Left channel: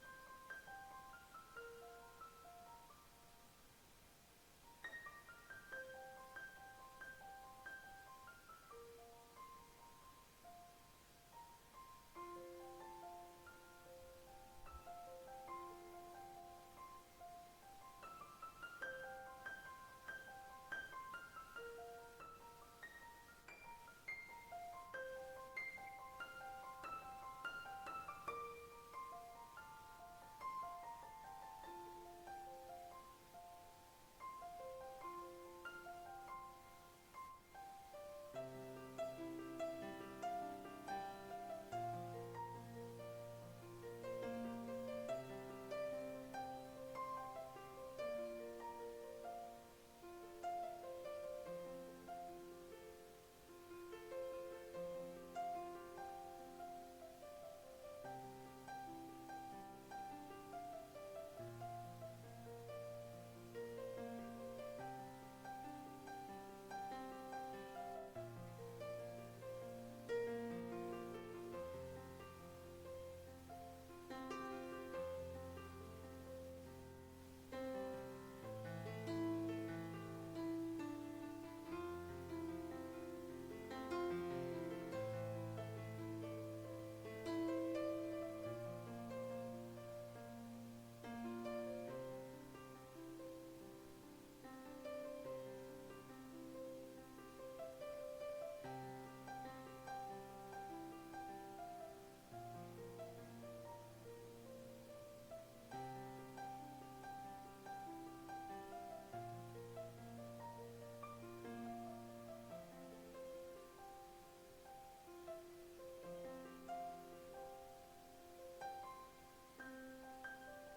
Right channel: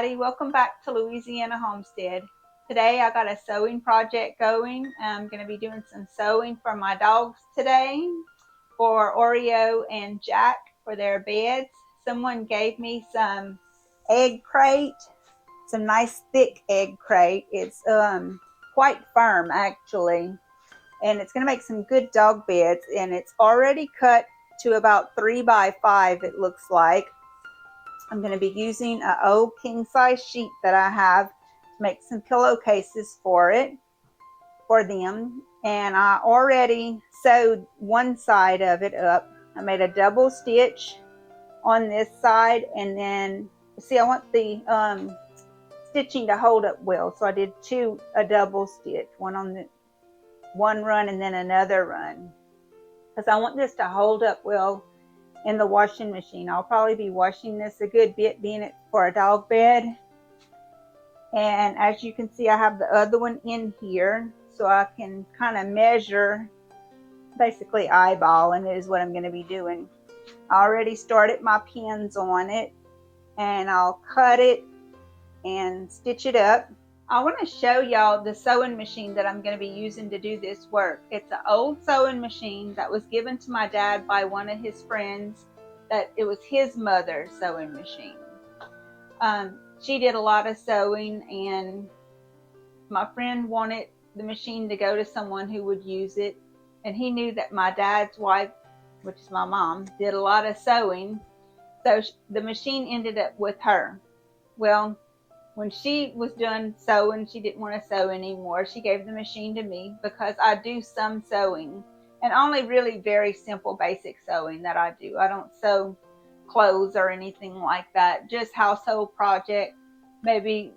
everybody. Welcome back to Louisiana Homestead. Today I got a sewing project going. I'm going to be doing some sewing for my dogs today for Oreo and Jack for their beds. Someone gave me some egg crate, some nice thick egg crate. It's quite firm actually, and it's going to make some good dog beds, and it's already cut to about 3 by 5 it looks like. I'm going to be using an old king size sheet that I have to make some pillowcases for them. And I already sewed one side of it up. I made a double stitch on this side, and then see, I want the stitching to hold up well, so I did a double stitch, one on the one run and then another run, because I want this to hold up well in the washing machine. I'll probably be washing this a good bit, being it for a dog bed. And as you can see, I have the other one in here, so I can kind of measure, basically eyeballing it is what I'm going to be doing. I already started my pins on it, and I'll cut it and stitch it up. I want to show y'all the sewing machine that I'm going to be using to do this work. It's an old sewing machine that was given to my dad by one of his friends. That it was his mother's sewing machine. She did a lot of sewing, and my friend wanted the machine to go to someone who would use it, and he knew that my dad's wife, which is my mom, did a lot of sewing, so the machine ended up with her. Well, when she was done sewing, she didn't want to sew anymore. She gave the machine to me because I do some sewing, and only really very simple basic sewing that I do. I don't sew clothes or anything like that, just household project, maybe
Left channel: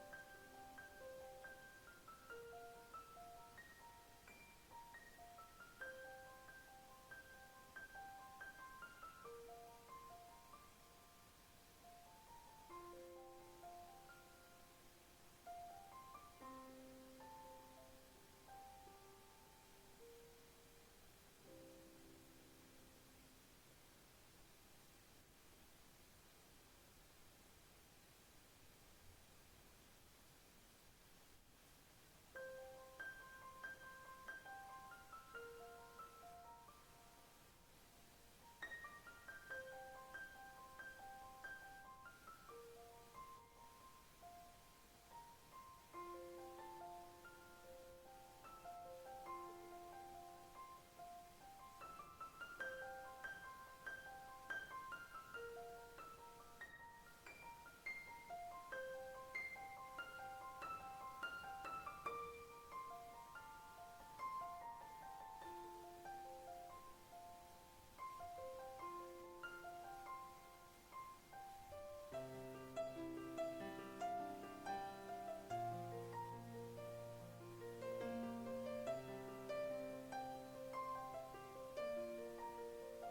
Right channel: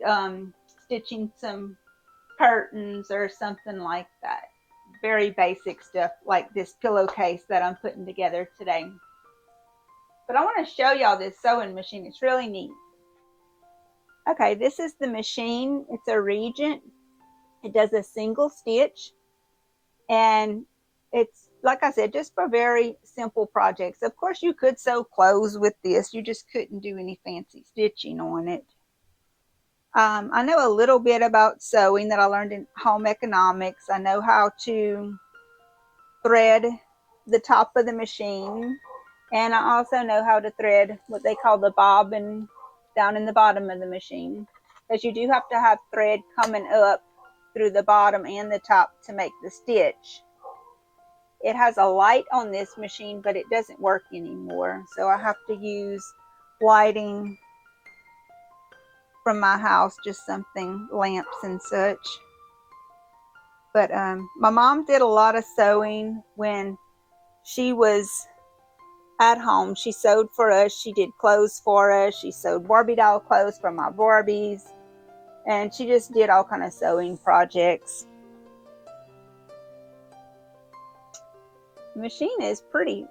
stitching some curtains or something like that. Very basic stuff like this pillowcase that I'm putting together today. But I want to show y'all this sewing machine. It's really neat. Okay, this is the machine. It's a Regent. It does a single stitch, and it's, like I said, just for very simple projects. Of course, you could sew clothes with this. You just couldn't do any fancy stitching on it. I know a little bit about sewing that I learned in home economics. I know how to thread the top of the machine, and I also know how to thread what they call the bobbin down in the bottom of the machine, because you do have to have thread coming up through the bottom and the top to make the stitch. It has a light on this machine, but it doesn't work anymore, so I have to use lighting from my house, just something, lamps and such. But my mom did a lot of sewing when she was at home. She sewed for us. She did clothes for us. She sewed Barbie doll clothes for my Barbies, and she just did all kind of sewing projects. The machine is pretty,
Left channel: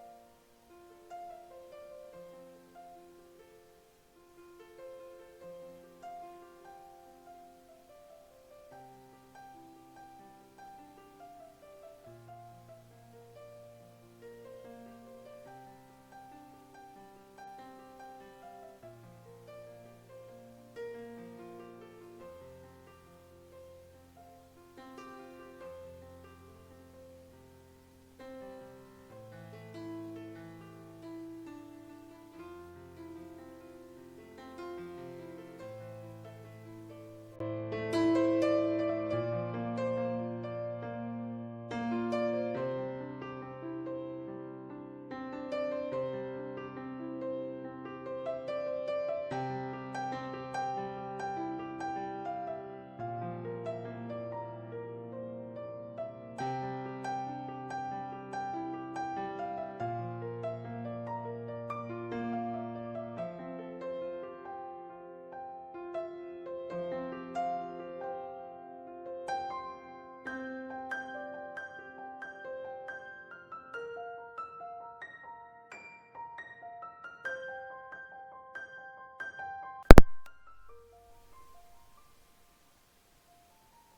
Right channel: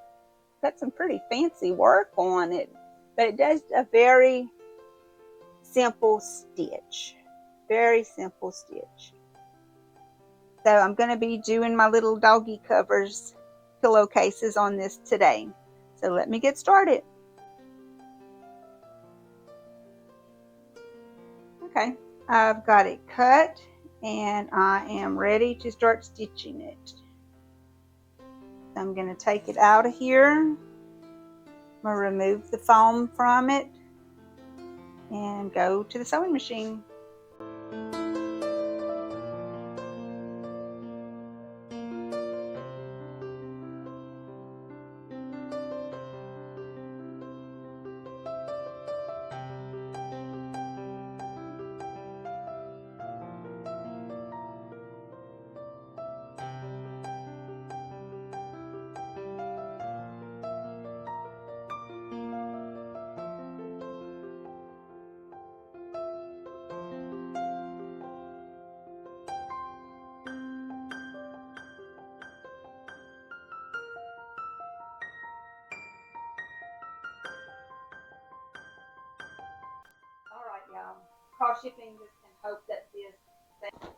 got some pretty fancy work on it, but it does a very simple stitch. Very simple stitch. So I'm going to be doing my little doggy covers, pillowcases on this today. So let me get started. Okay, I've got it cut, and I am ready to start stitching it. I'm going to take it out of here. I'm going to remove the foam from it and go to the sewing machine. Alright, y'all. Cross your fingers and hope that this thing.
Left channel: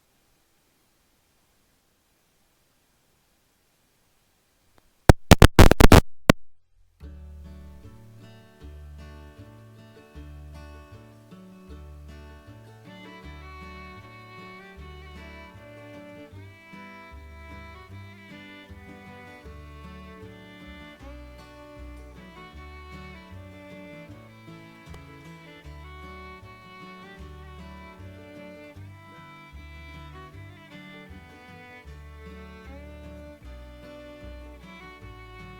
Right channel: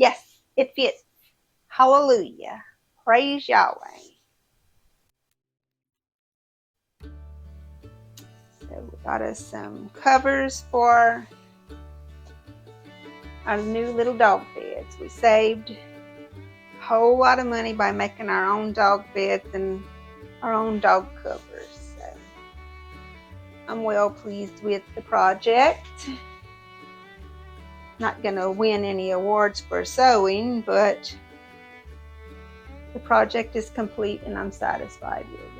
Yes, it Hallelujah. Praise Yahweh. So we got us some covers for our new little dog beds. We saved a whole lot of money by making our own dog beds and our own dog covers. So I'm well pleased with the project. Not going to win any awards for sewing, but the project is complete and I'm satisfied with it.